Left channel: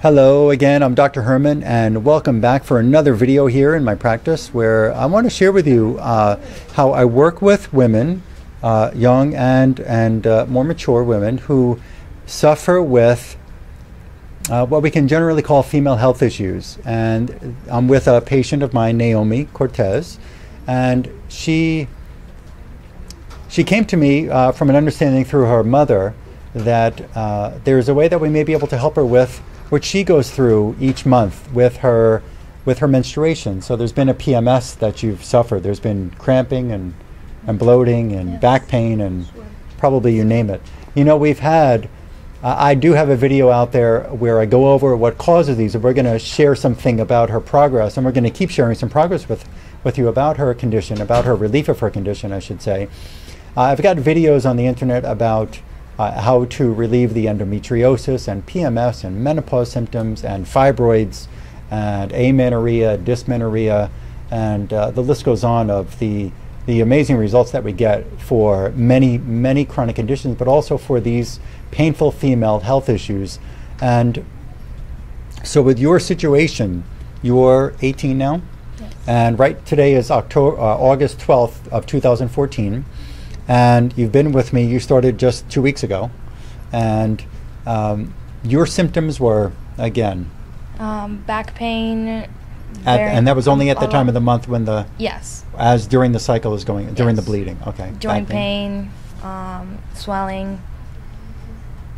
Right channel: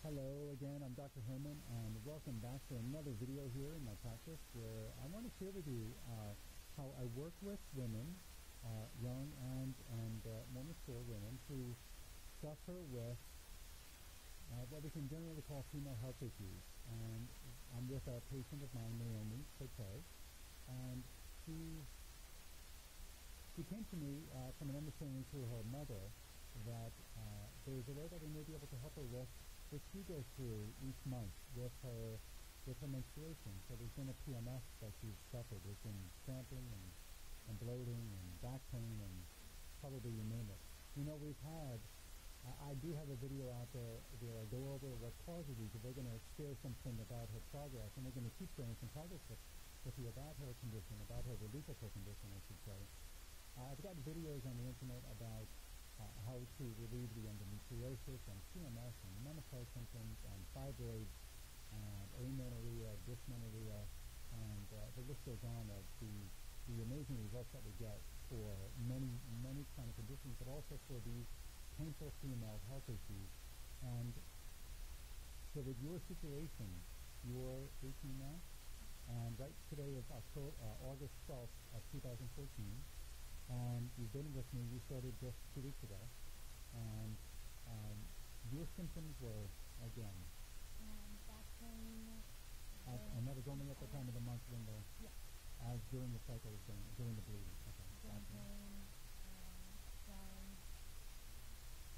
Hello again, I'm Dr. Herman, and welcome back for another video here in my practice where I want to share with you how I work with women, young and more mature women who suffer with what we can generally call female health issues. And I'm with a patient of mine, Naomi Cortez, and she came to me from an understanding through her mother that there's a way that we may be able to help her with which she goes through each month with her menstruation. So there's been a PMS that you've suffered. There's been cramping and bloating and Yes. back pain and probably you name it. You know, we've had, I do have a video out there where I go over what causes these, and we're going to share something about her progress, and we're going to keep sharing some progress with you about her condition, about her relief of her condition, I should say. I've got videos on the internet about how to relieve the endometriosis and PMS and menopause symptoms and fibroids and amenorrhea, dysmenorrhea, and the list goes on of the amazing results that we get for many chronic conditions, but also for these painful female health issues. And so with your situation, you're 18 now, Yes. and right today is August 12th of 2014. And you've been with me, you started just 2 weeks ago. And your symptoms were, again, Back pain. and that was only at the a time lot- of the month when Yes. as during the cycle is going, during the Yes. bleeding. Okay. Joint back pain, swelling,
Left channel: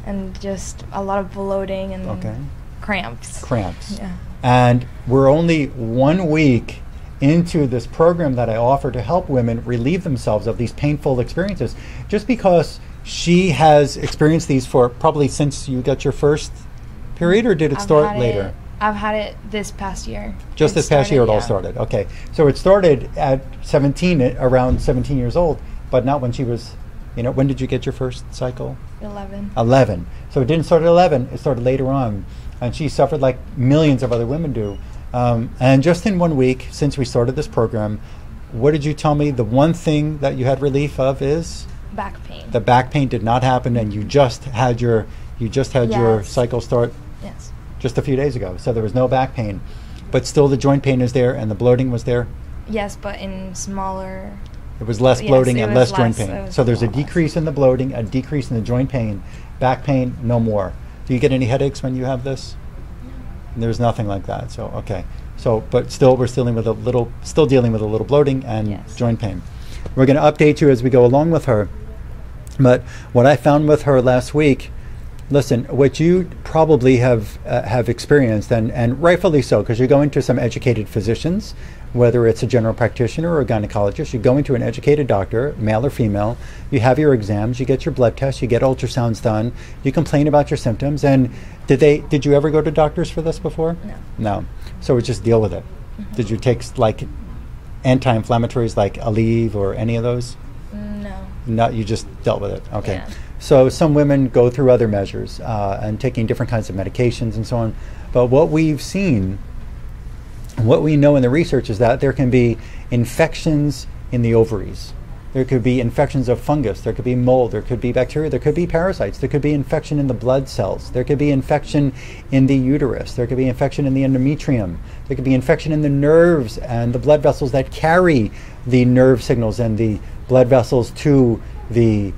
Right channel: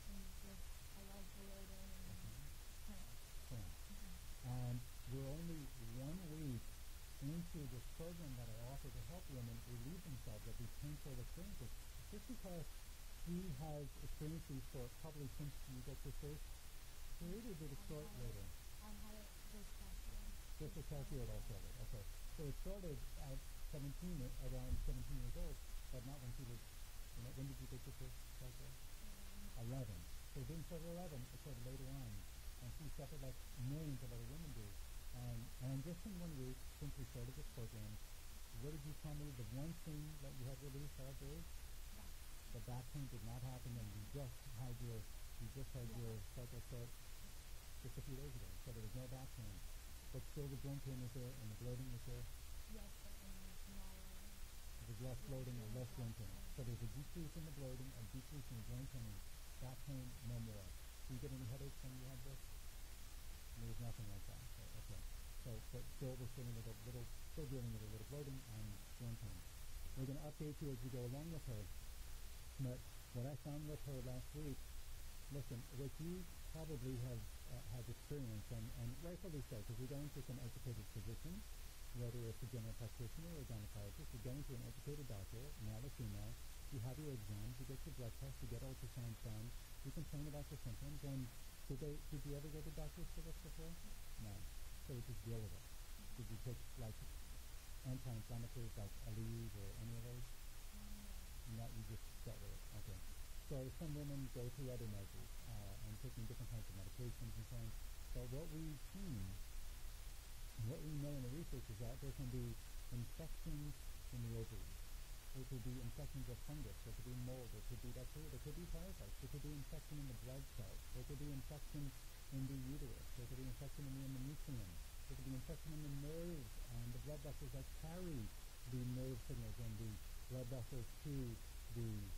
and just a lot of bloating and Okay. cramps. Cramps. Yeah. And we're only 1 week into this program that I offer to help women relieve themselves of these painful experiences. Just because she has experienced these for probably since you got your first period, or did it I've start had later? I've had it this past year. Just It this past year it all yeah. started. Okay. So it started at 17, around 17 years old, but not when she was, when did you get your first cycle? 11. 11. So it didn't start at 11, it started later on. And she suffered like millions of other women do. And just in 1 week since we started this program, what did you tell me the one thing that you had relief of is? Back pain. The back pain did not happen, and you just had your Yes. cycle start Yes. just a few days ago. So there was no back pain, but still the joint pain is there and the bloating was there. Yes, but in smaller. It was less Yes, bloating it and was less joint less, pain. it was So there's a lot less. decrease in the bloating, a decrease in the joint pain. Back pain, no more. Do you get any headaches when you have this? There's nothing like that. So okay. So, but still, we're still dealing with a little bloating and Yes. joint pain. We're going to update you as we go along with her. But what I found with her last week, listen, what you probably have experienced, and rightfully so, because you're going to some educated physicians, whether it's a general practitioner or a gynecologist. You're going to an educated doctor, male or female. You have your exams, you get your blood tests, you get ultrasounds done, you complain about your symptoms. And did you ever go to doctors for this before? No. No. So we just deal with it. Did you take like anti-inflammatories like Aleve or any of those? No. No, you just dealt with it. Okay. Yeah. So some women go through other measures and taking different kinds of medications and so on. But what we've seen, what we know in the research is that there can be infections in the ovaries. There could be infections of fungus. There could be mold. There could be bacteria. There could be parasites. There could be infection in the blood cells. There could be infection in the uterus. There could be infection in the endometrium. There could be infection in the nerves and the blood vessels that carry the nerve signals and the blood vessels to the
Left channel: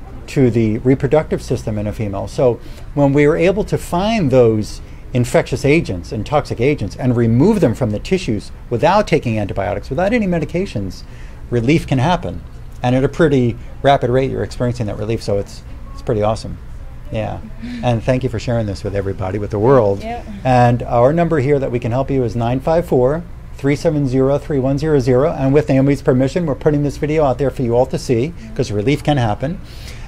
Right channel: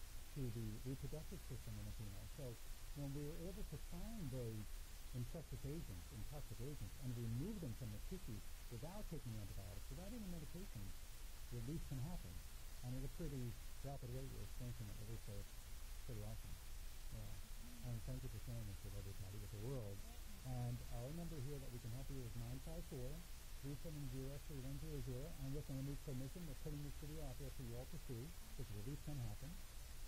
reproductive system in a female. So when we were able to find those infectious agents and toxic agents and remove them from the tissues without taking antibiotics, without any medications, relief can happen. And at a pretty rapid rate, you're experiencing that relief. So it's pretty awesome. Yeah. And thank you for sharing this with everybody, with the world. Yeah. And our number here that we can help you is 954-370-3100. And with Naomi's permission, we're putting this video out there for you all to see, because relief can happen.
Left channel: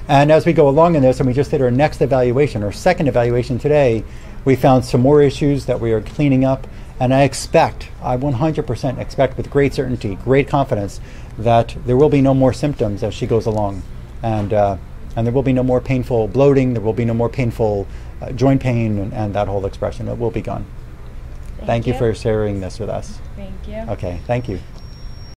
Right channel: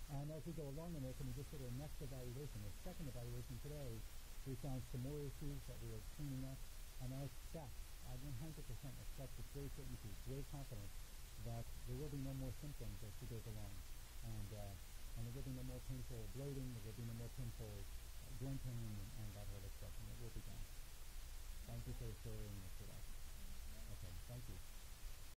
And as we go along in this, and we just did our next evaluation, our second evaluation today, we found some more issues that we are cleaning up. And I 100% expect with great certainty, great confidence, that there will be no more symptoms as she goes along. And there will be no more painful bloating, there will be no more painful joint pain, and that whole expression. It will be gone. Thank you for sharing this with us. Thank you. Okay, thank you.